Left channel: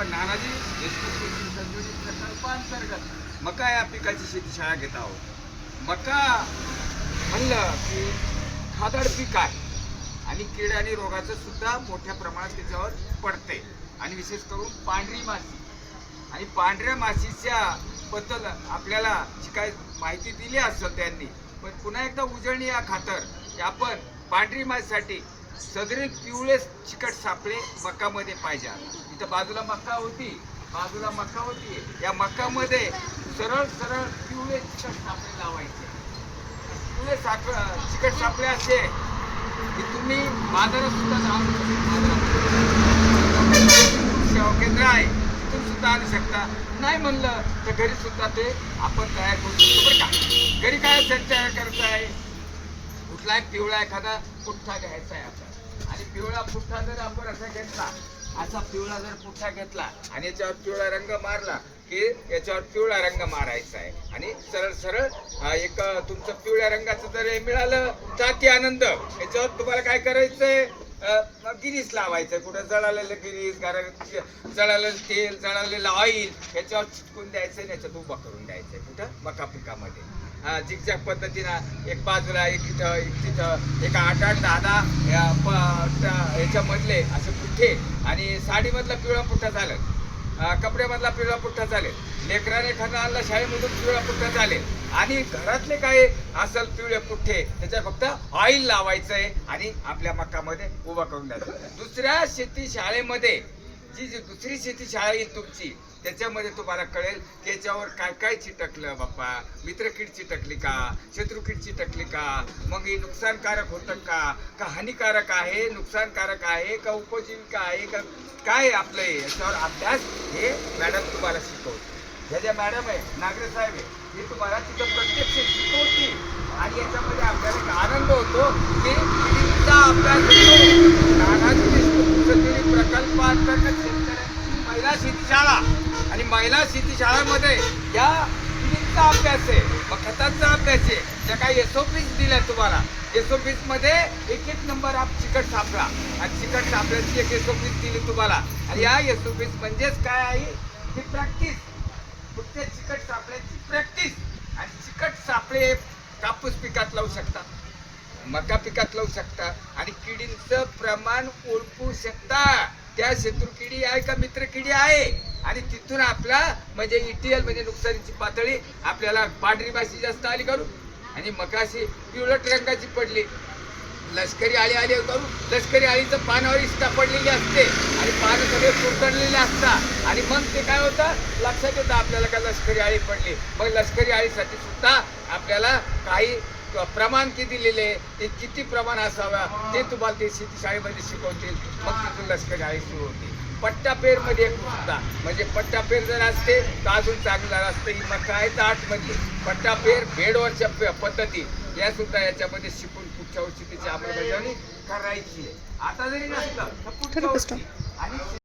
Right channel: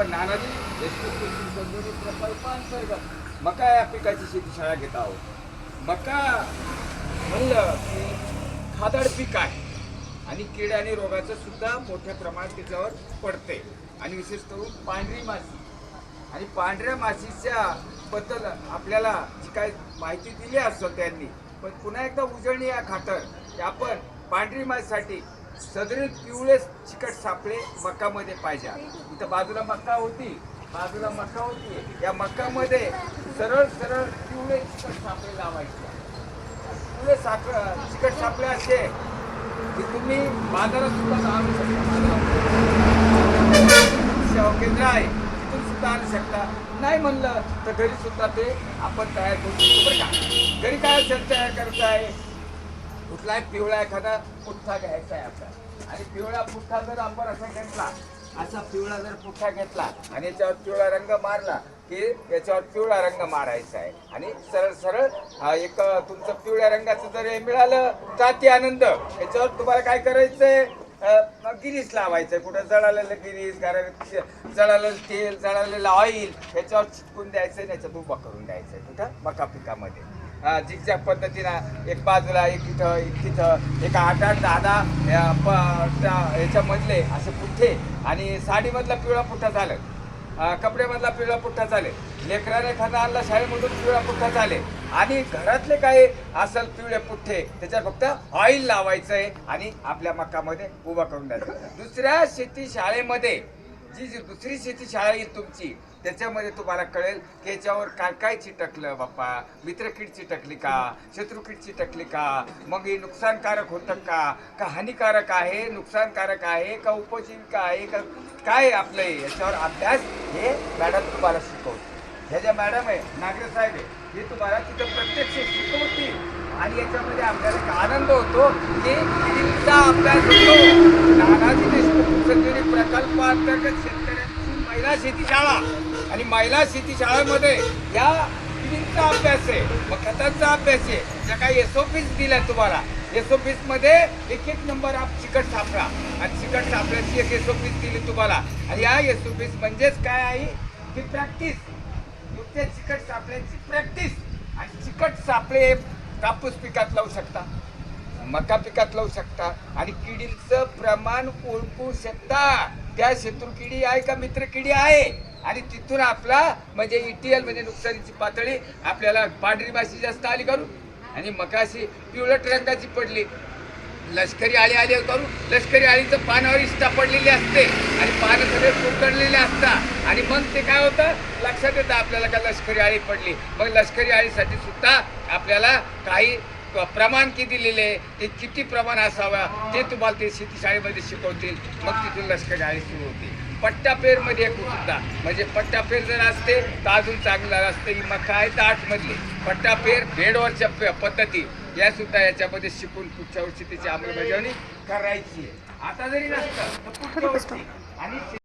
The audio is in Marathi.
आपण नानाजी देशमुख कृषी संजीवनी प्रकल्पांतर्गत मका या पिकाची शेतीशाळा घेत आहोत. मका म्हणलं की खादड पीक आहे आणि कीड आणि रोगाचं सुद्धा मोठ्या प्रमाणात त्याच्यावर पडते आणि विशेष करून पांढरी माशी आणि पांढऱ्या माशीच्या बद्दल आपल्याला जी काय माहिती दिली असेल त्यांनी, पण पुन्हा एकदा उजळणी या खातर की आपण पांढरी माशीसाठी सदरील पिवळे चिकट सापळे मकामध्ये पाहिजे. इथं बाजूला मका होती या मकामध्ये सरळ सरळ पिवळे चिकट सापळे लावायचे. पिवळे चिकट सापळे असे की तुम्ही बाजारात सुद्धा आणू शकता. सेवा केंद्र आहे तिथून सुद्धा आणू शकता. नाही म्हणलं तर घरी सुद्धा ते आपण तयार करू शकतो बरं का. घरी काय तयार करायचं आहे, कुठलाही पिवळा एखादा पुठ्ठा घ्यायचा आहे आपल्याला आणि पिवळा पुठ्ठा जर आपण असा घेतला, असा पिवळा जर पुठ्ठा घेतला आणि याच्यावर पिवळा रंग मारला की याच्यावर पिवळा रंग मारायचा आहे आणि सरळ सरळ एक तुमचं पिवळ्या रंगाचं जर हे मिळालं तर अति आनंद. याच्यावर तुम्हाला काय करायचंय, गिरीस लावायचंय. कुठं जळालेलं गिरीस, जळालेलं तेल, जळालेलं ऑइल याच्यावर चिटकून द्यायचं आणि याच्यात उभा करून द्यायचंय. कुठं मका पिकामध्ये झिकझॅक पद्धतीनं एक बाजूला एक इथं एक तिथं एक 8-8, 10 याच्यामधले असे पुठ्ठे आणि साडीमधला पिवळा पुठ्ठा झालं, कपड्यामधला पिवळा पुठ्ठा चालेल, लेकराने खाना आणला शाळेमधून पिवळा पुठ्ठा चालेल आणि घरातले काही असल पिवळे पुठ्ठे त्याच्या फक्त ऑइल लावायचंय आणि आपल्या मकामध्ये उभा करून द्यायचं. दुसऱ्या शेती शाळेमध्ये जी दुसरी शेती शाळा येईल तुमची त्याच्यामध्ये तुम्हाला कळेल की याच्यावर काय काय चिटकलं बाप्पा, मित्रकीड चिटकली का, शत्रुकीड चिटकली का, मग हे नुकसानकारक होतं का हानिकारक आहे, नुकसानकारक आहे का उपजीविका आहे का काय आपलं याच्यावर अभ्यास हे मॅडम तुम्हाला शिकवते. ह्या ज्या मॅडम आहे नागरे साहेब आहे हे तुम्हाला तिथं प्रत्यक्ष शिकवतील आणि याच्यामध्ये आपल्याला एक आनंद होतो की तिचा अभ्यास होतो. नानाजी देशमुख संजीवनी प्रकल्पांतर्गत शेतकऱ्यांची महिला शेती शाळा आणि महिला शेती शाळेमध्ये या मुलींचा अभ्यास आहे, मग खतांचा अभ्यास आहे. ज्या काही SOPs दिल्या तुम्हाला, SOPs मध्ये एक नंबर आप चिकट सापळा आणि चिकट सापळ्याची एक SOPs दिली तुम्हाला आणि या SOPs म्हणजेच काय आहे की प्रॅक्टिस, नुसते चिकट सापळ्याची प्रॅक्टिस. आणि चिकट सापळे कापूस पिकात लावू शकता, मका पिकात लावू शकता आणि किडींचं प्रमाण ओळखू शकता. त्या शत्रुकिडी आहे का मित्रकिडी आहे आणि तिथून आपला म्हणजे ETL म्हणजे नुकसानीची पातळी आपल्याला पांढरी माशी जास्त आली करू आणि मकाशी पिवळट रंगाची पडली, लष्करी आळी आली करू. लष्करी आळीचं पानावर इष्टा पडलेली असते आणि पानं सगळे कुरतडलेले असतात आणि मग ते काय होतं लक्षात येतं आपल्याला का लष्करी आळी पडली. मग लष्करी आळीसाठी सुद्धा आपल्याला काही प्रमाण किती दिलेले, ते किती प्रमाण असावा ते तुम्हाला ते शेतीशाळेमध्ये शिकवतील. मग तिथून लष्करी आळी सुरू होते. पट्टापेरमध्ये सुद्धा म्हणजे पट्टापेर जर असते तर अजून चांगलं असतं. ही मका आहे तर 8 मधली पट्टापेर बेडवरच्या पद्धती या सुद्धा याच्यामध्ये शिकून पुढच्या वर्षी त्याची अंमलबजावणी करायची आहे. आता जरी नसतं तर पुढच्या वर्षी आणि